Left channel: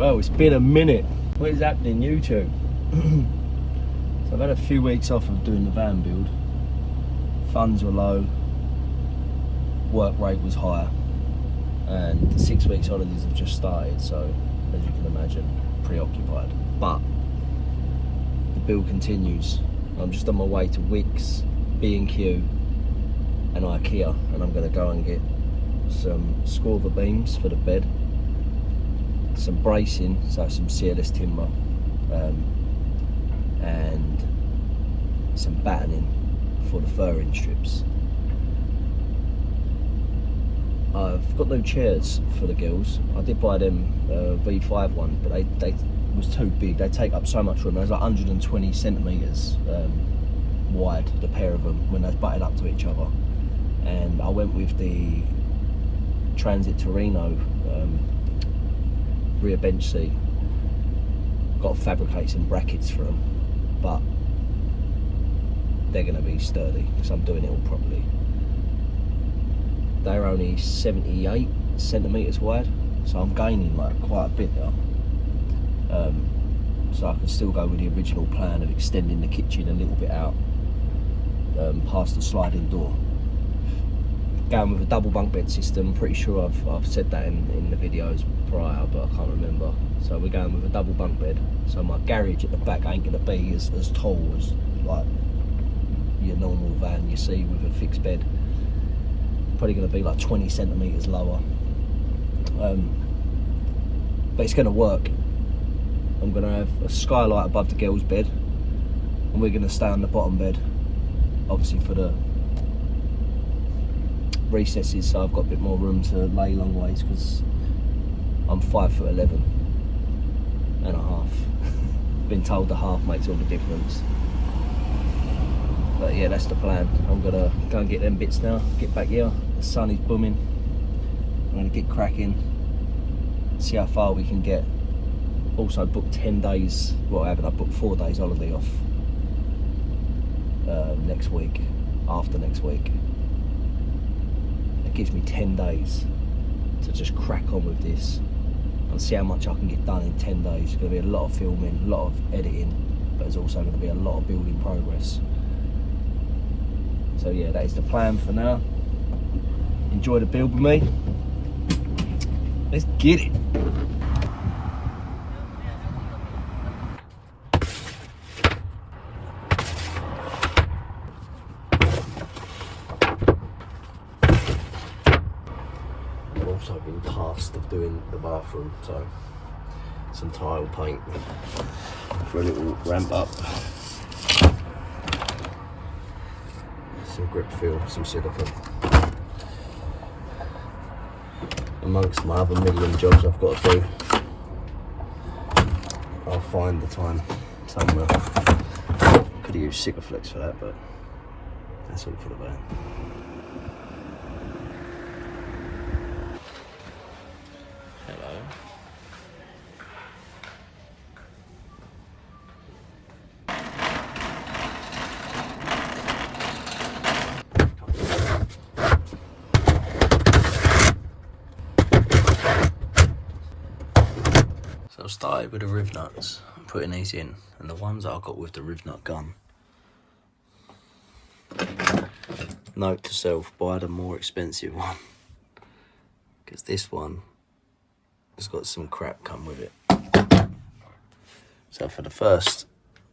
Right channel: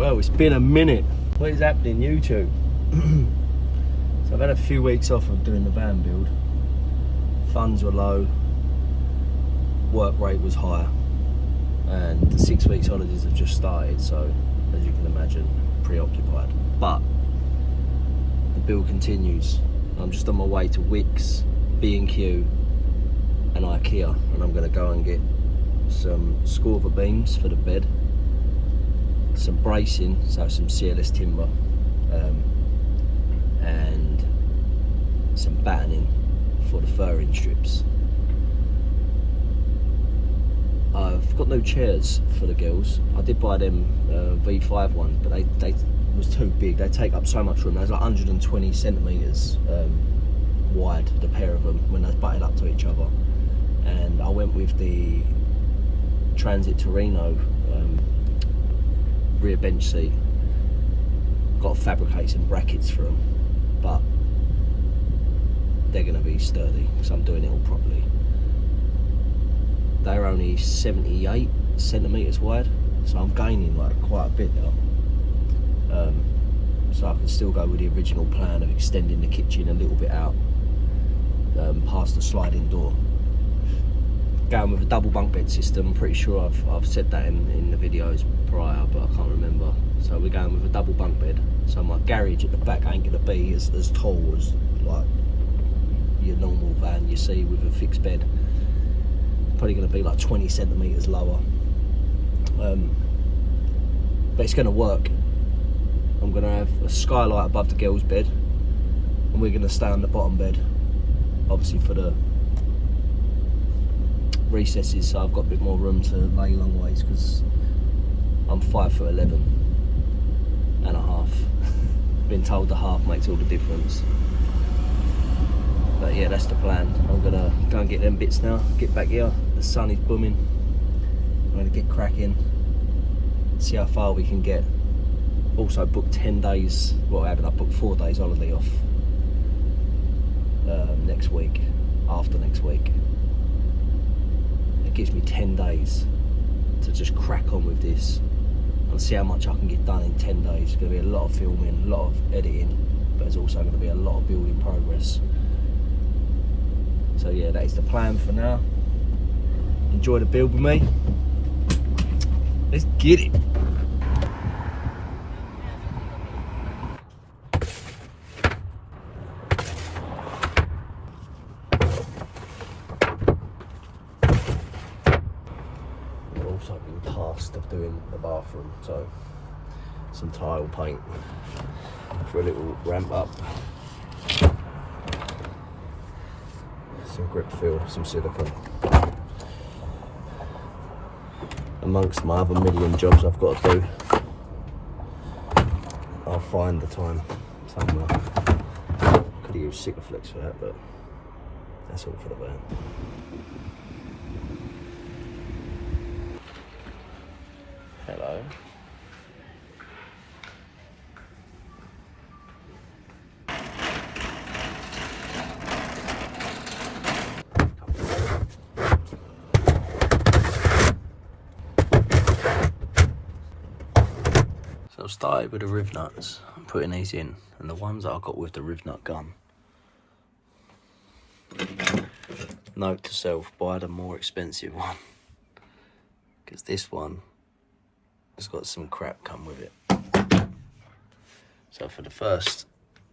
Well, it's been a minute. What is happening, YouTube? So I've had a few weeks off of doing the van build. Funds were low, work rate was higher, and the 6 weeks holidays have just started, so as you can imagine, preoccupied. But the build continues. I'm just on my way to Wicks, B&Q and ikea, and I'm going to go and get some scorver beams for the bed, some bracing, so some CLS timber, and some battening for the furring strips. I've got no chairs for the girls. I did buy them V5 one, but they was too big. They take up so much room. They was like 120 centimetres wide, the pair of them, when they was butted up to each other. And I went with the Transit Torino rear bench seat. Got to fabricate some brackets for them, but they're going to be sturdy because I'm doing it all properly. They're only 78 centimetres wide, so I'm gaining like quite a bit now. So I can still go with the original plan of extending the kitchen a little bit out past the sliding door. Going with a double bunk bed system. I'm pretty sure I've said that in the videos prior, but I can't remember. So we're going with a double bunk bed. So my garage at the back ain't going to be as tall as like your normal van you see with a fixed bed. Probably going to be like 20 centimetres lower. But it's going to work. I'm going to have a skylight above the girls' bed, and we're going to stay on the bottom bed, obviously for the recesses, so I've got a bit more room to lay long ways because I'm 5'11" and a half. Been told the half makes all the difference. But yeah, that's the plan. I'm gonna go and get them bits now, get back here. The sun is booming. I'm gonna get cracking, see how far we can get. Also booked 10 days, well I haven't, I booked 4 days holiday off next week, after next week. It gives me 10 days to just crack on with this and see how much I can get done in 10 days. It's going to be a lot of filming, a lot of editing, but there's also going to be a lot of building progress. So yeah, that is the plan for now. Enjoy the build with me. Let's get it. Also been tasked of doing the bathroom, so some tile paint for a little ramp up, some grip fill, some silicone, amongst my other million jobs I've got to do. I'll find the time somewhere. Could have used Sikaflex for that, but that's all for the van. Hello. So I started with the riv nuts. I'm putting these in, and the ones that I got with the riv nut gun. Note to self, buy the more expensive one, because this one has got some crap come with it. So for the first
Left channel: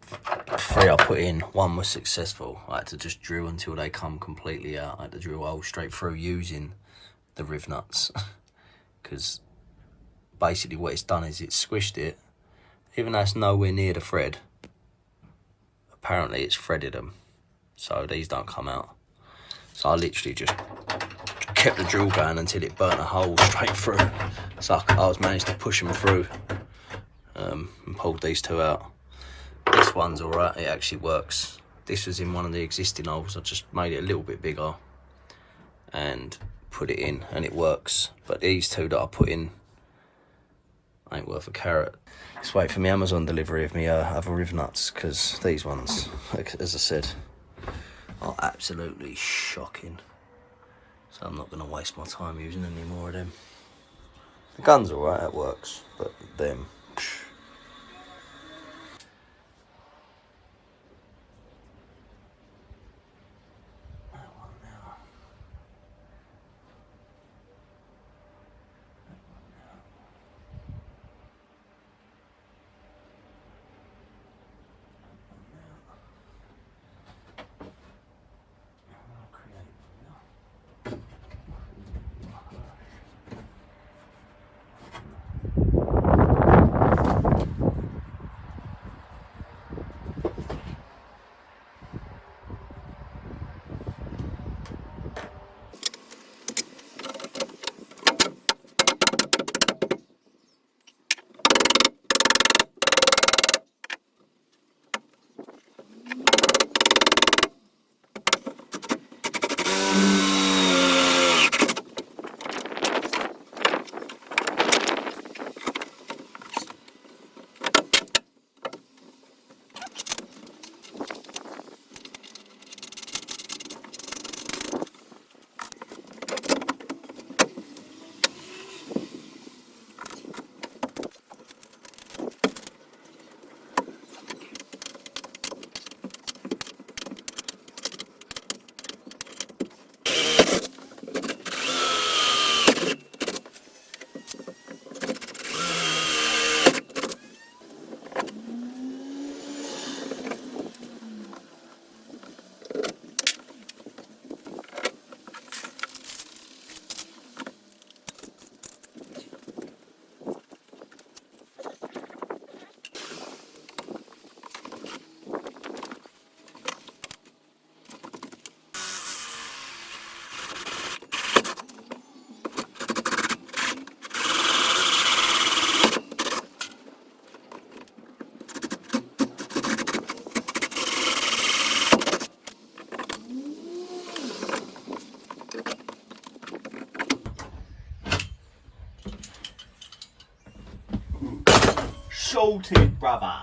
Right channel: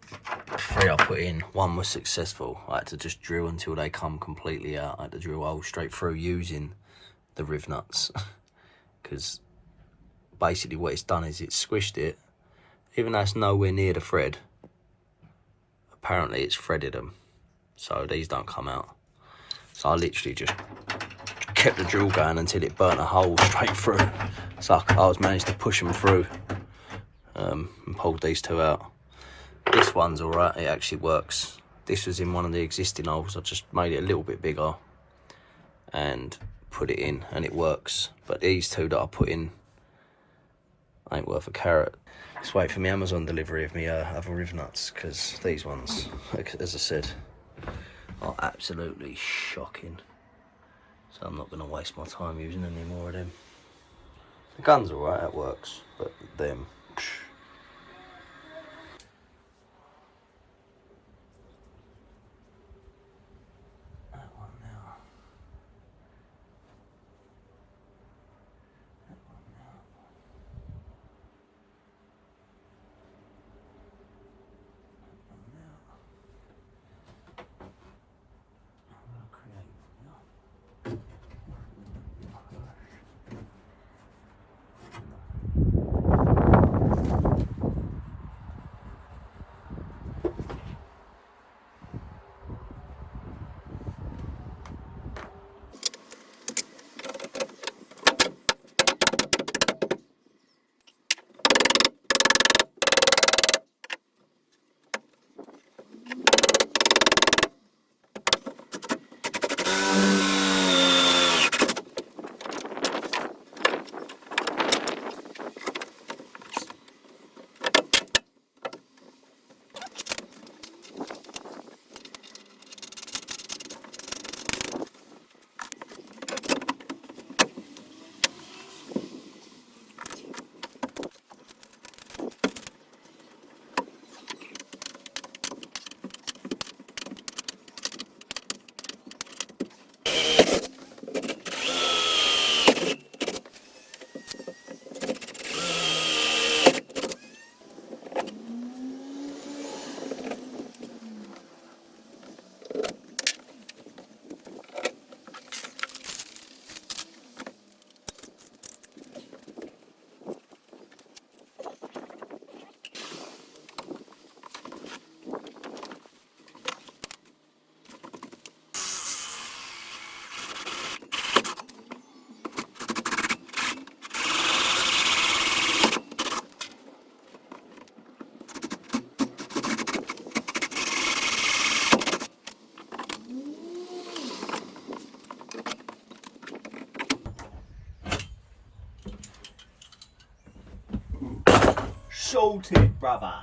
3 I put in, 1 was successful. I had to just drill until they come completely out. I had to drill holes straight through using the riv nuts, because basically what it's done is it's squished it. Even though it's nowhere near the thread, apparently it's threaded them, so these don't come out. So I literally just kept the drill going until it burnt a hole straight through. So I was managed to push them through and pulled these 2 out. This one's alright, it actually works. This was in one of the existing holes. I just made it a little bit bigger and put it in, and it works. But these 2 that I put in ain't worth a carrot. Just wait for my Amazon delivery of me other riv nuts, because these ones, as I said, are absolutely shocking. So I'm not going to waste my time using any more of them. The gun's alright, it works, but them, sorted, brother.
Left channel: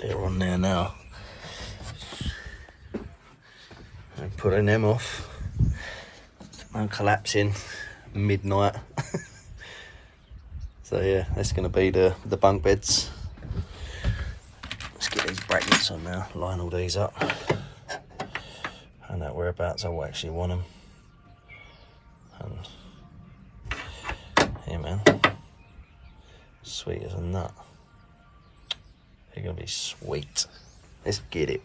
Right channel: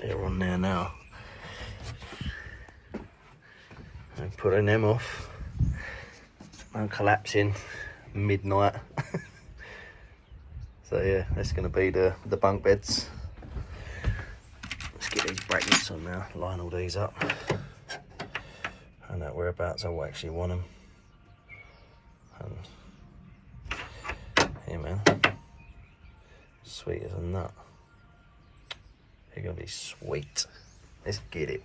They're on there now. I'm putting them off. I'm collapsing midnight. So yeah, that's going to be the bunk beds. Let's get these brackets on now, line all these up. And that whereabouts I will actually want them. And yeah, man, sweet as a nut. They're going to be sweet. Let's get it.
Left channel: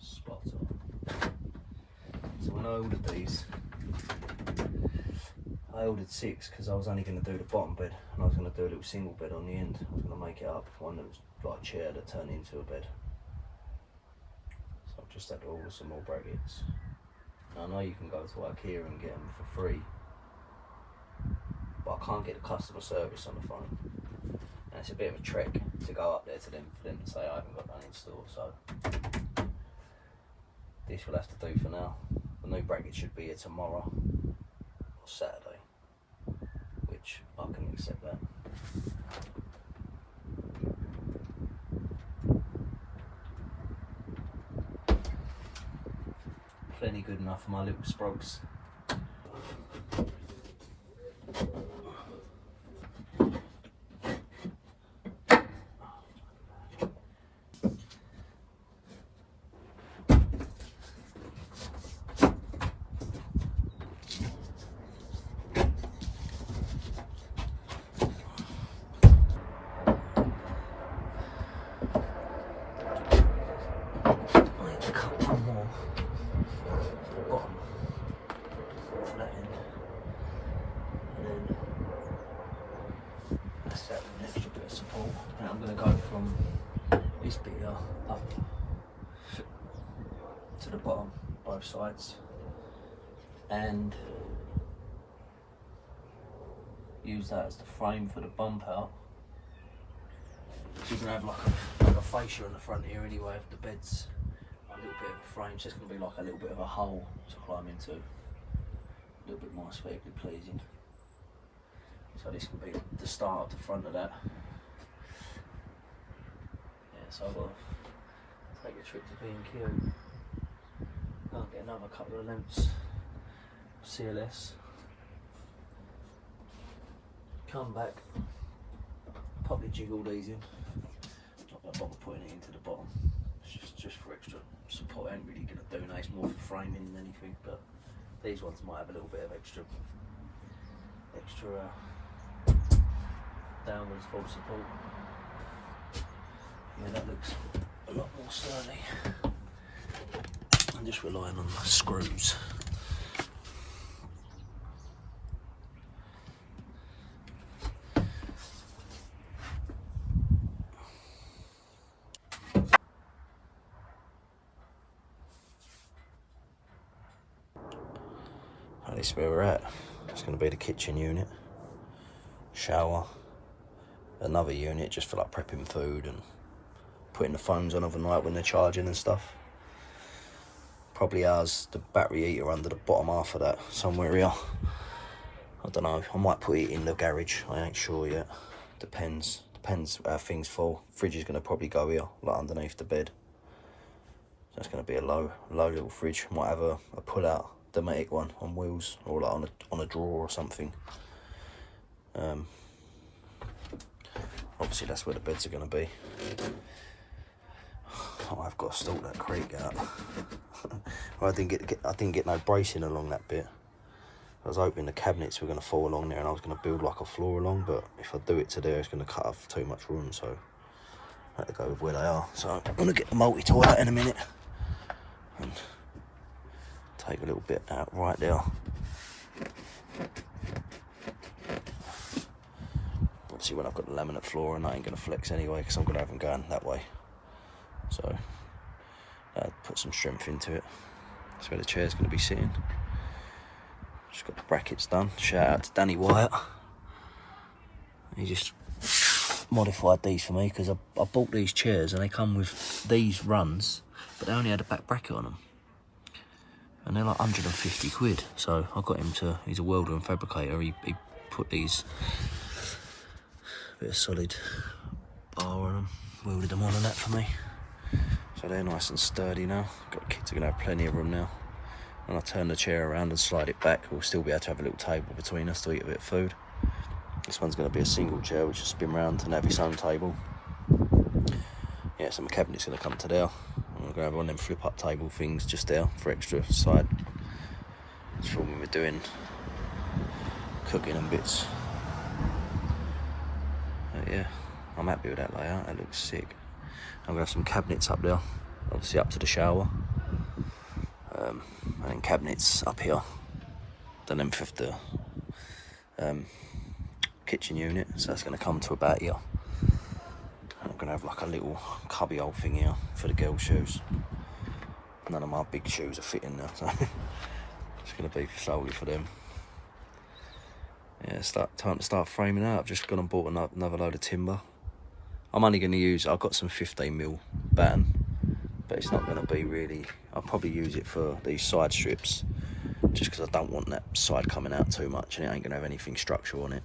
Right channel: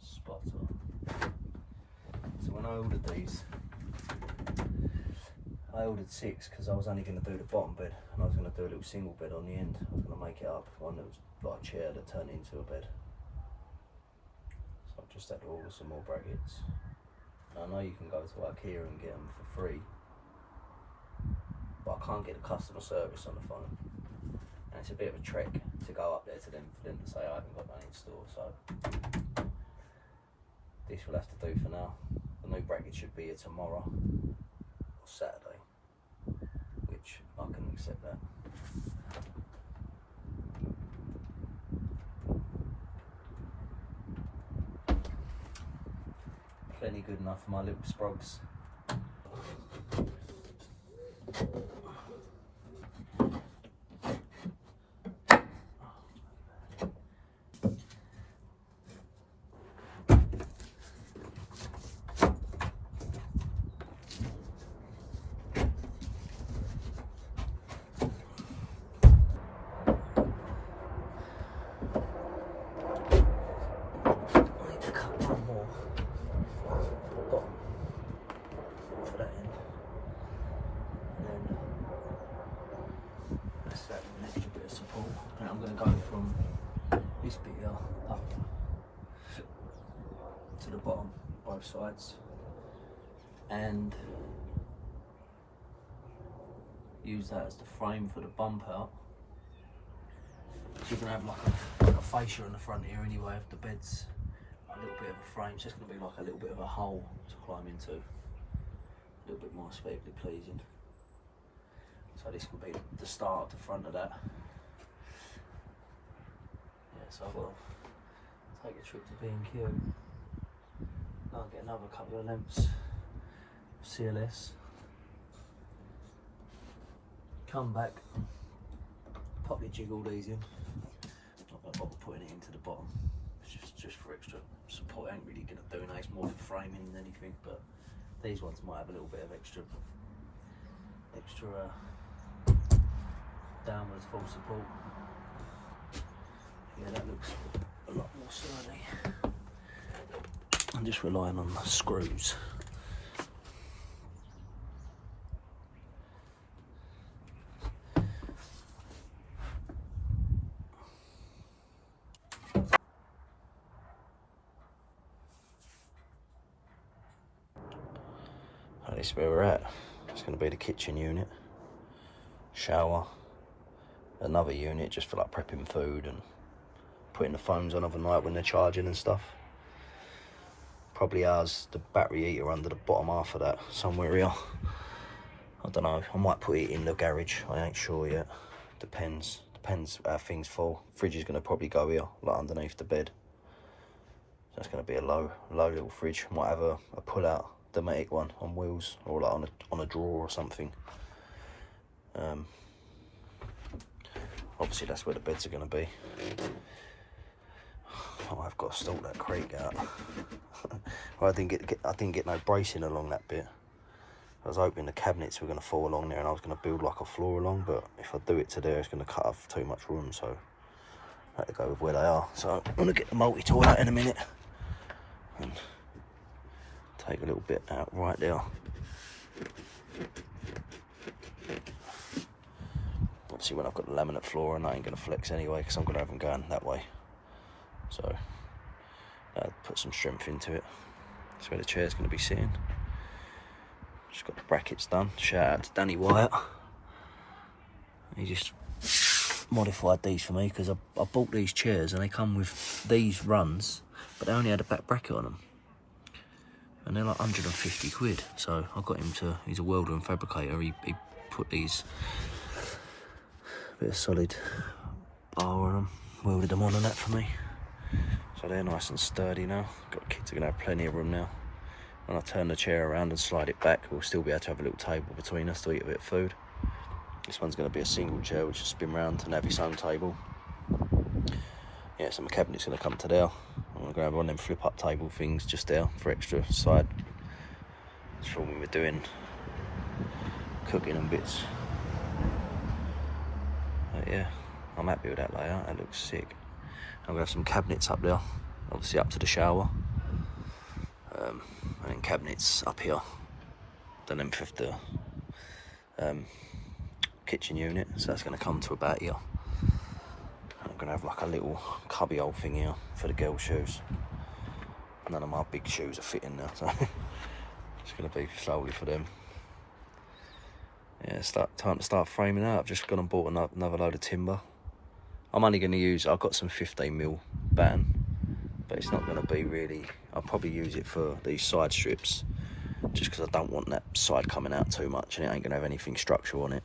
Spot on. So when I ordered these, I ordered 6 because I was only going to do the bottom bed and I was going to do a little single bed on the end. I was going to make it up, one that was like a chair that turned into a bed. So I've just had to order some more brackets. And I know you can go to IKEA and get them for free, but I can't get the customer service on the phone. And it's a bit of a trek to go up there to them for them to say I haven't got that in store, so this will have to do for now. The new bracket should be here tomorrow or Saturday, which I can accept that. Plenty good enough for my little sprogs. An extra bit of support, and I'm going to go from this bit here up to the bottom, both sides, and use that as the frame for the bump out. So you're going to have like a fascia on the front here anyway of the beds, a little bit of a frame, so it's going to be like a little bit of a hole to climb into, a little bit more aesthetically pleasing. So this can be the start of the front of that. Yeah, so I've got to take a trip to B&Q. I'll get another couple of lengths of CLS. Come back, pop the jig all these in. Not going to bother putting it into the bottom. It's just for extra support. I ain't really going to do that. It's more for framing than anything, but these ones might have a little bit of extra downwards full support. Yeah, that looks a lot more sturdy. I'm just relying on the screws. This is where we're at. It's going to be the kitchen unit, shower, another unit just for like prepping food and putting the phones on overnight when they're charging and stuff. Probably has the battery heater under the bottom half of that somewhere here. I don't know, I might put it in the garage, I ain't sure yet. Depends how things fall. Fridge is going to probably go here, like underneath the bed. That's going to be a low little fridge. Might have a pull out Dometic one on wheels, or like on a drawer or something. obviously that's where the beds are going to be. Oh, I've got to sort that creak out. Well, I didn't get no bracing along that bit. I was hoping the cabinets were going to fall along there and I was going to build like a floor along, but if I do it to there, it's going to cut off too much room, so I had to go with where they are. So I'm going to get the multi-tool out in a minute and take a little bit out right there. Obviously when I've got the laminate floor, and I ain't going to flex anyway because I'm going to have them going that way. So put some strength into it. That's where the chair's going to be sitting. Just got the brackets done. Shout out to Danny Wyatt. He just modified these for me because I bought these chairs and they come with these runs, but they only had a back bracket on them. And they're like 150 quid. So I got him to, he's a welder and fabricator, he put these, bit of solid bar on them, welded them on and that for me. So they're nice and sturdy now. Got kids are going to have plenty of room now. When I turn the chair around and slide it back, we'll still be able to have a little table between us to eat a bit of food. This one's going to be a single chair, which will spin round and have its own table. Yeah, so my cabinet's going to come to there. I'm going to have one of them flip-up table things just there for extra side. It's for when we're doing cooking and bits. But yeah, I'm happy with that layout. That looks sick. I'm going to have some cabinets up there, obviously up to the shower. And cabinets up here, the length of the kitchen unit, so that's going to come to about here. And I'm going to have like a little cubby hole thing here for the girls' shoes. None of my big shoes are fitting there, so it's going to be solely for them. Yeah, time to start framing out. I've just gone and bought another load of timber. I'm only going to use, I've got some 15mm batten, but it's not going to be really, I'll probably use it for these side strips, just because I don't want that side coming out too much and it ain't going to have anything structural on it.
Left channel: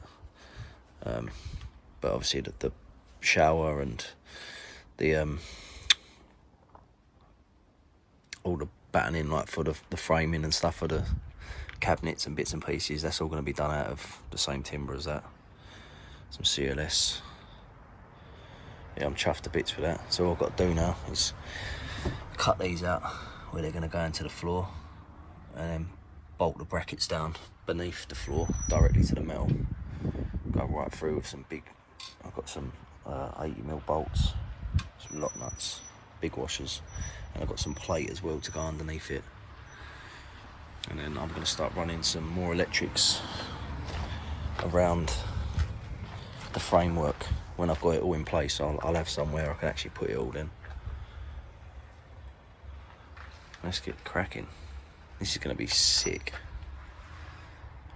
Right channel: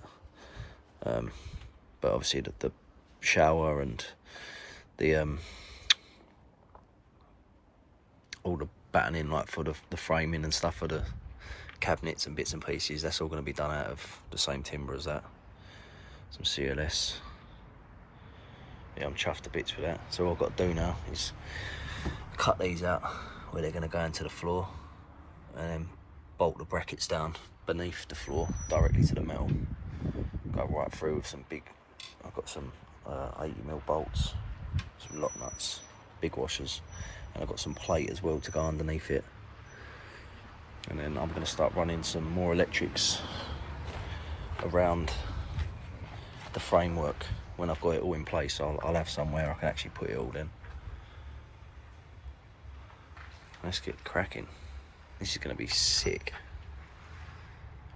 But obviously the shower and the all the battening, like for the framing and stuff for the cabinets and bits and pieces, that's all going to be done out of the same timber as that. Some CLS. Yeah, I'm chuffed to bits with that. So all I've got to do now is cut these out where they're going to go into the floor and then bolt the brackets down beneath the floor directly to the metal. Go right through with some big, I've got some 80mm bolts, some lock nuts, big washers, and I've got some plate as well to go underneath it. And then I'm going to start running some more electrics around the framework. When I've got it all in place, I'll have somewhere I can actually put it all in. Let's get cracking. This is going to be sick.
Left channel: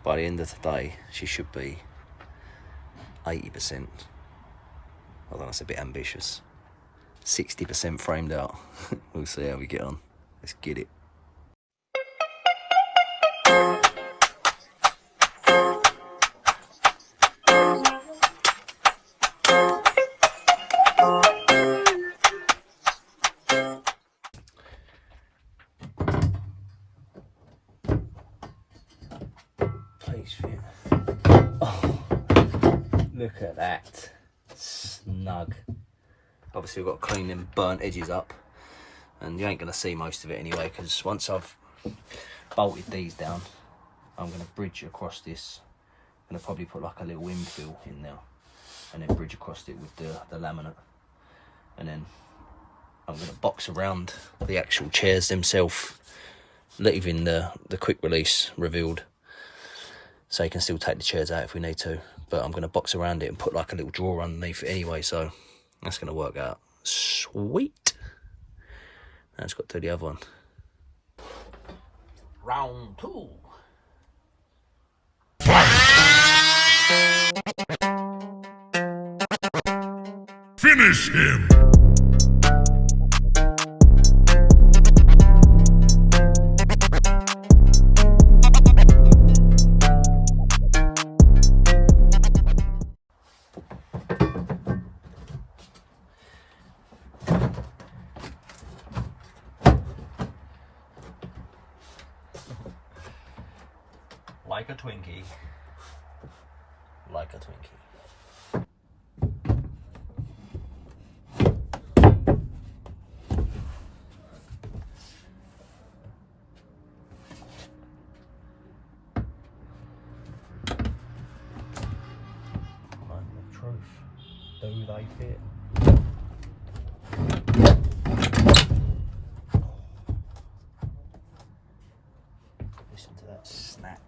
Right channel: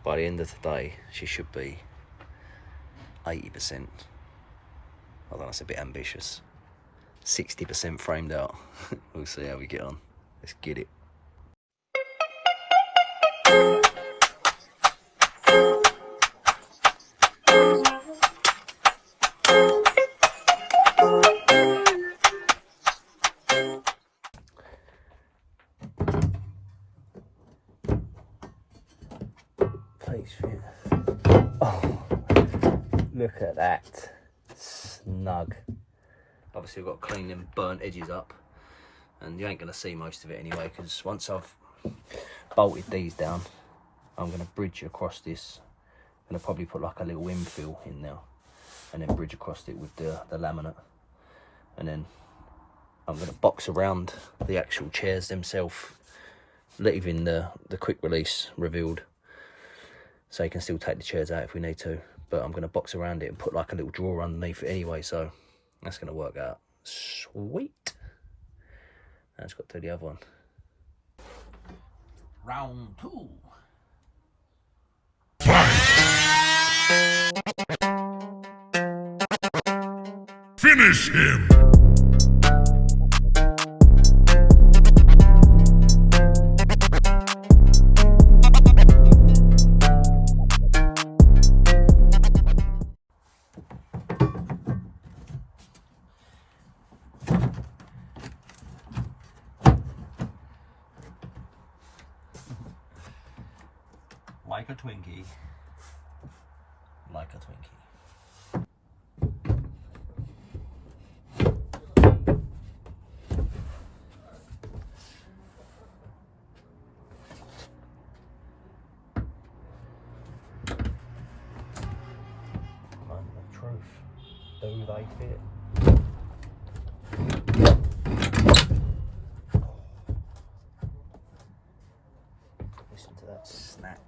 By the end of the day, she should be 80%. Although that's a bit ambitious. 60% framed out. We'll see how we get on. Let's get it. Please fit. Oh, look at that. Snug. Obviously we've got to clean them burnt edges up, and you ain't going to see most of it anyway, because once I've bolted these down, I'm going to bridge across this. I'm going to probably put like a little infill in there and then bridge across it with the laminate, and then I'm going to box around the actual chairs themselves, leaving the quick release revealed, so you can still take the chairs out if we need to. But I'm going to box around it and put like a little drawer underneath it anyway, so that's going to work out sweet. Now it's got to do the other one. Round 2. Finish him! Like a Twinkie. Like a Twinkie. do they fit? Listen to that snap.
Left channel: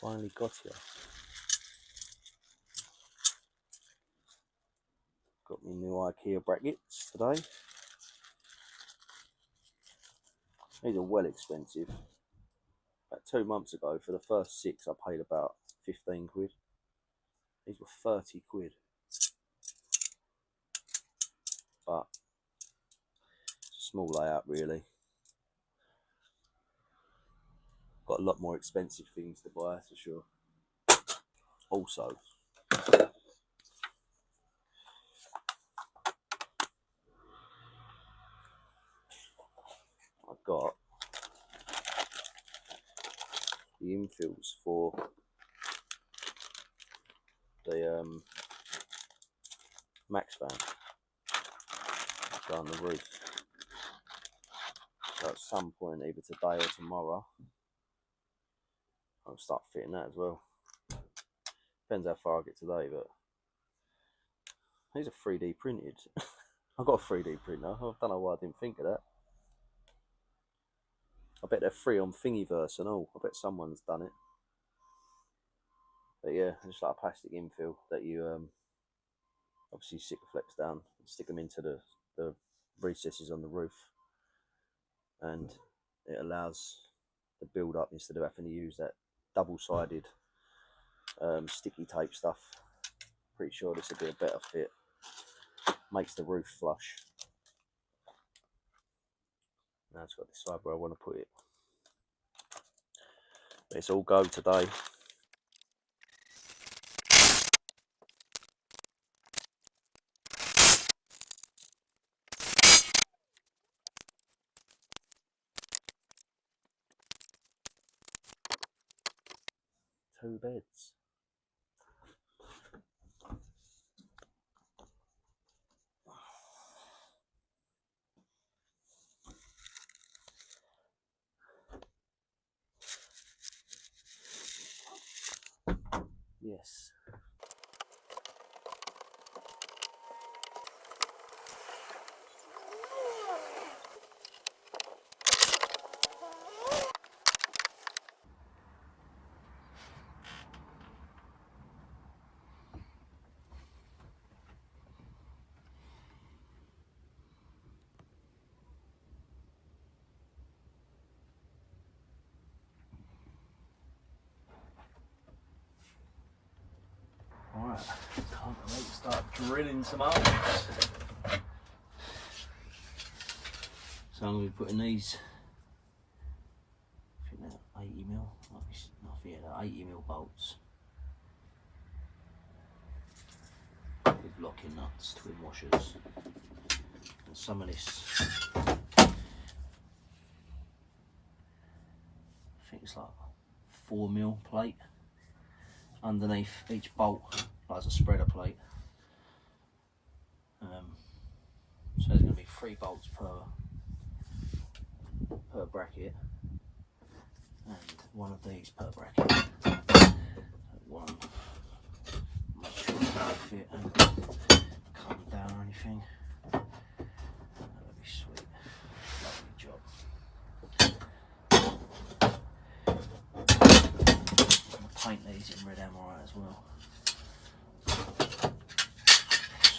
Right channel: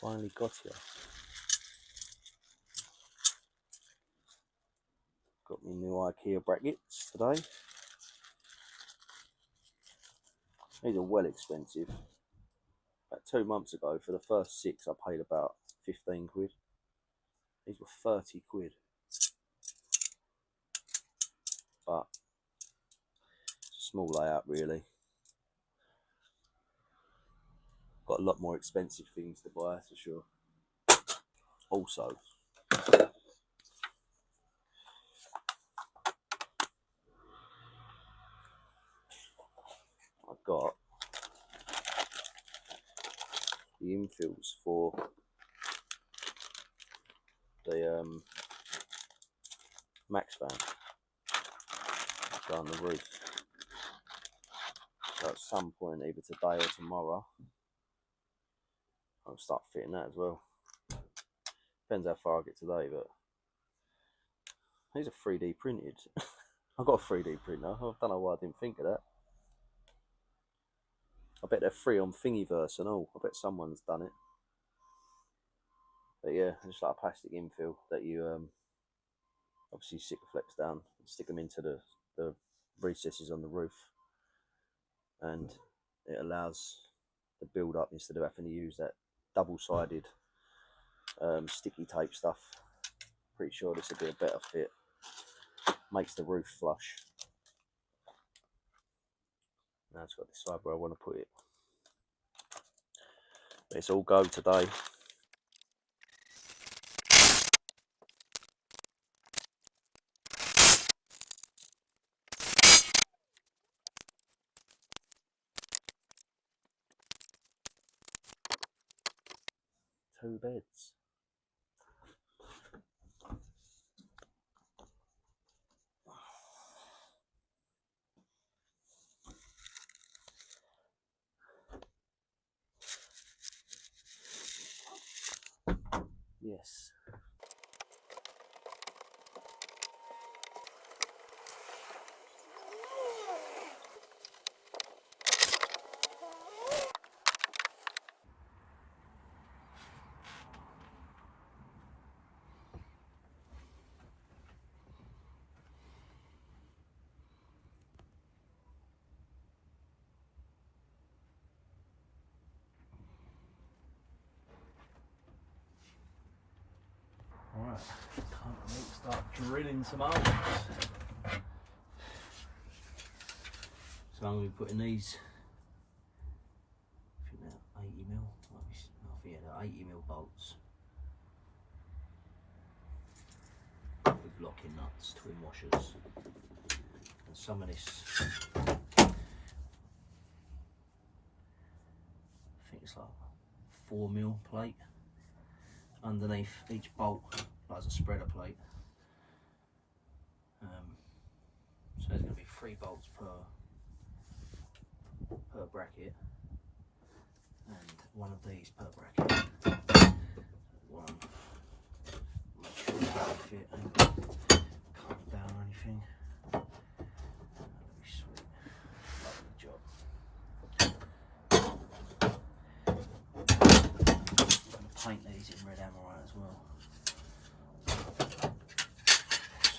Finally got you. Got me new IKEA brackets today. These are well expensive. About 2 months ago, for the first 6, I paid about 15 quid. These were 30 quid. But it's a small layout, really. Got a lot more expensive things to buy, for sure. Also, I got the infills for the max fan down the roof. So at some point, either today or tomorrow, I'll start fitting that as well. Depends how far I get today, but these are 3D printed. I've got a 3D printer. I don't know why I didn't think of that. I bet they're free on Thingiverse and all. I bet someone's done it. But yeah, just like a plastic infill that you obviously Sikaflex down and stick them into the recesses on the roof, and it allows the build up instead of having to use that double-sided sticky tape stuff. Pretty sure this would be a better fit. Makes the roof flush. Now it's got to decide where I want to put it. But it's all go today. Two beds. Yes. Alright, time to start drilling some holes. So I'm going to be putting these, I think they're 80mm, they're 80mm bolts with locking nuts, twin washers, and some of this, I think it's like 4mm plate underneath each bolt, like a spreader plate. So there's going to be 3 bolts per bracket, and one of these per bracket. One, make sure it doesn't fit and come down or anything. That'd be sweet. Lovely job. I'm going to paint these in red amorite as well, so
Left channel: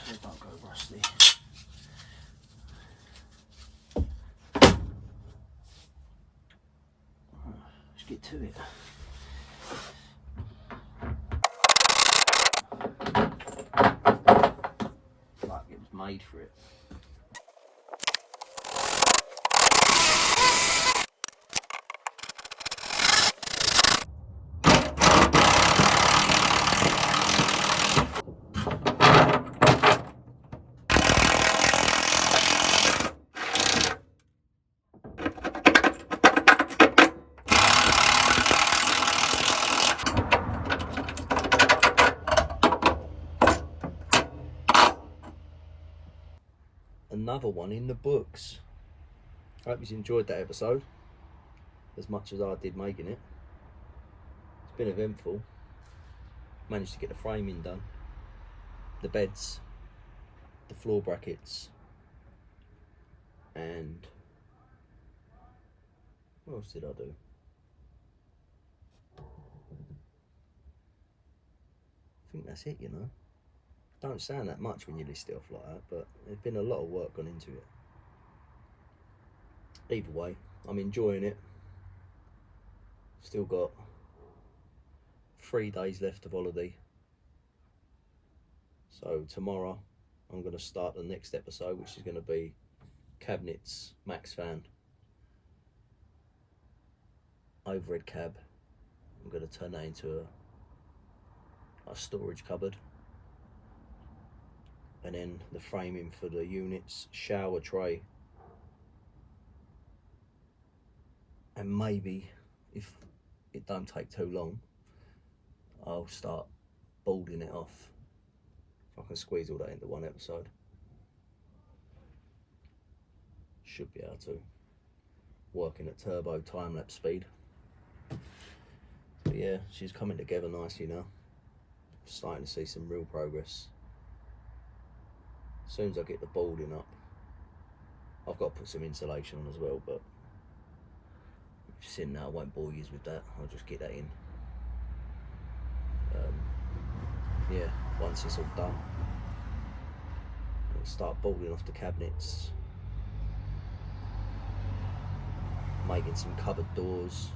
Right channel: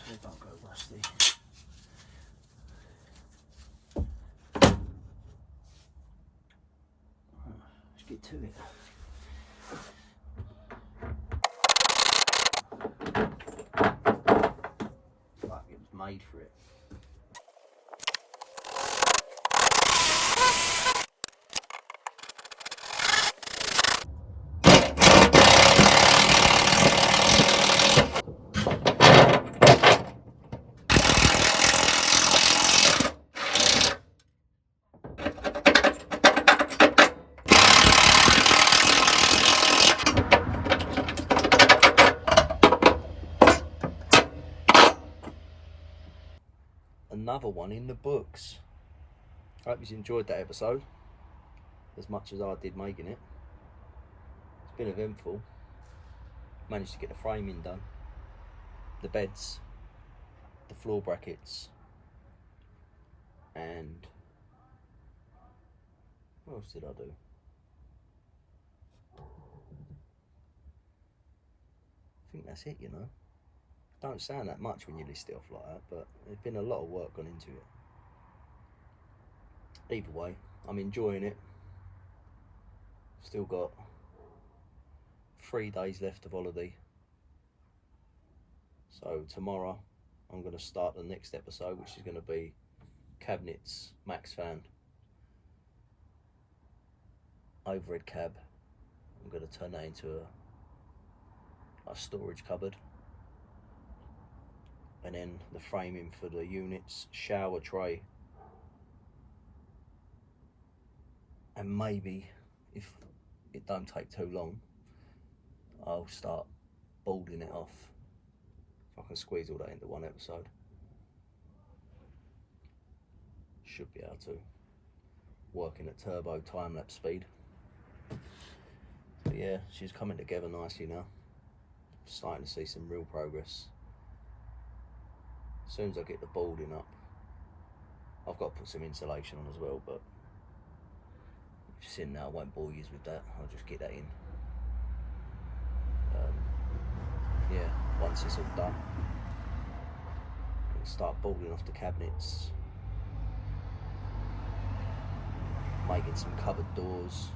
they don't go rusty. Let's get to it. Like it was made for it. another one in the books. I hope you enjoyed that episode as much as I did making it. It's been eventful. Managed to get the framing done, the beds, the floor brackets, and what else did I do? I think that's it, you know. Don't sound that much when you list it off like that, but there's been a lot of work gone into it. Either way, I'm enjoying it. Still got 3 days left of holiday. So tomorrow I'm going to start the next episode, which is going to be cabinets, max fan, overhead cab. I'm going to turn that into a storage cupboard. And then the framing for the units, shower tray. And maybe, if it don't take too long, I'll start boarding it off. If I can squeeze all that into one episode. Should be able to. Working at turbo time-lapse speed. But yeah, she's coming together nicely now. Starting to see some real progress. As soon as I get the boarding up, I've got to put some insulation on as well, but you've seen that, I won't bore you with that. I'll just get that in. Yeah, once it's all done, I'll start boarding off the cabinets, making some cupboard doors,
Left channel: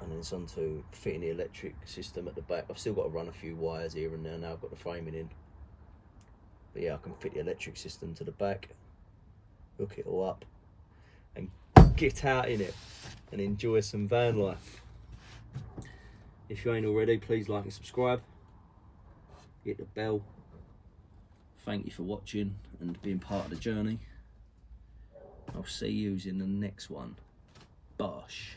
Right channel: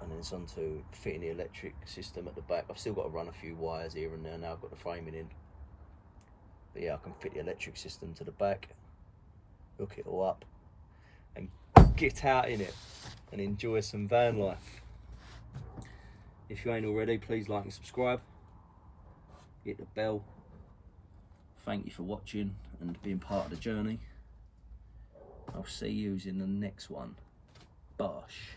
and then it's on to fitting the electric system at the back. I've still got to run a few wires here and there now I've got the framing in. But yeah, I can fit the electric system to the back, hook it all up, and get out in it and enjoy some van life. If you ain't already, please like and subscribe. Hit the bell. Thank you for watching and being part of the journey. I'll see you in the next one. Bosh.